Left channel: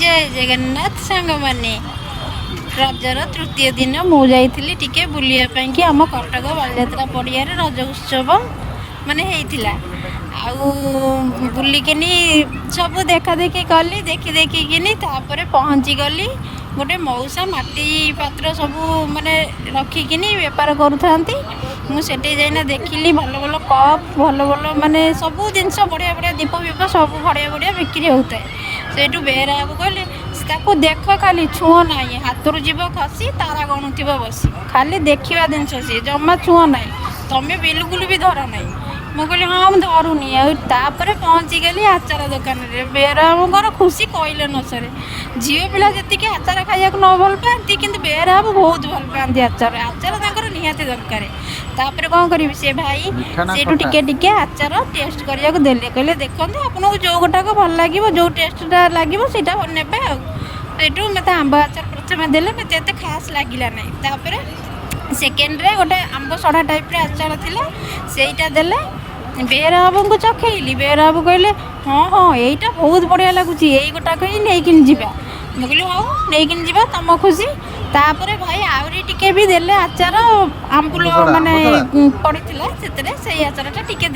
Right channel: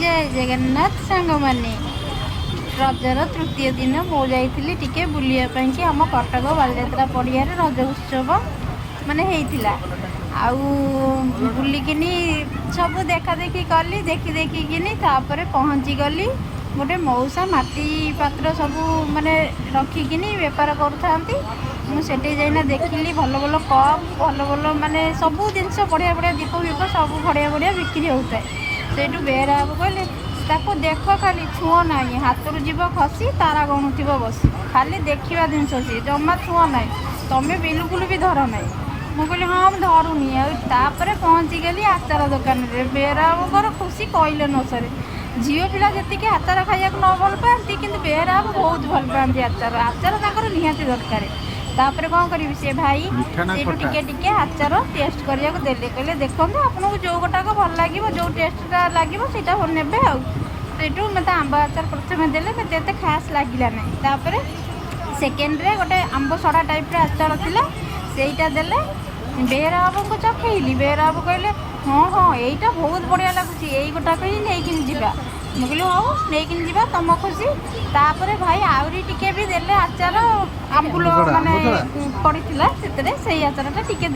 जय जगन्नाथ सांग माने रजर तृतीय दिन मु जाइली टिके बुलिया कि आम कटक बालଯାତ୍ରା पड़िया रज उत्सव माने होइथिला आउ बुलिकिनी सब देखा देखी कली देखी देखिकिनी तापर पहुँची गली गोटे मौसा माटी पात्र सब माने रखिकिनी बेपार करूथांती मुझे जाइना देखिली भल भल कप भल भल माने सब जिनस बढ़िया बढ़िया दीप विप सब बढ़िया बढ़िया बिक्री होता है सेठू बेहरा कहले ताको देख खाली छुआ ना हाथ रू जीव खसी तारा गणुथ बस खाली देखा जिनस सी जमा छुआ ना तुम्हें बिल्कुल भी धर ना मुझे कहली हाँ मुझे धरुनी आपर पहुँची गली आचार दुकान में बेहराबर खुशी कहले न सर झील पिला जी आचार खाया न भल पाती कि बेहरा बहुत भल पाती आचार आचार निहाती दरकार तापर कौन करी से भाई से टिके टिके आचार टेस्ट करने को देले कहले देखो आपको जो गोटाक भल लगे जो टेस्टा लगे सीटा ने आठू मत आंब आचार प्रथम देले मत एत खास लगिला ना तापर सेकेंड रे गोटे आंब सड़ा टाइप आचार थिला सेटा देले बेहरा बाबू को चखेली बेहरा बाबू कहले हाँ हाँ यहीटा बहुत बढ़िया लगुच यही गोटा कही नहीं जावा मुझे कहली हाँ नहीं जावा तुम खुशी तापर भाई आहरी टिके भी देले आचार आमकुल माने पड़ी से आचार टिके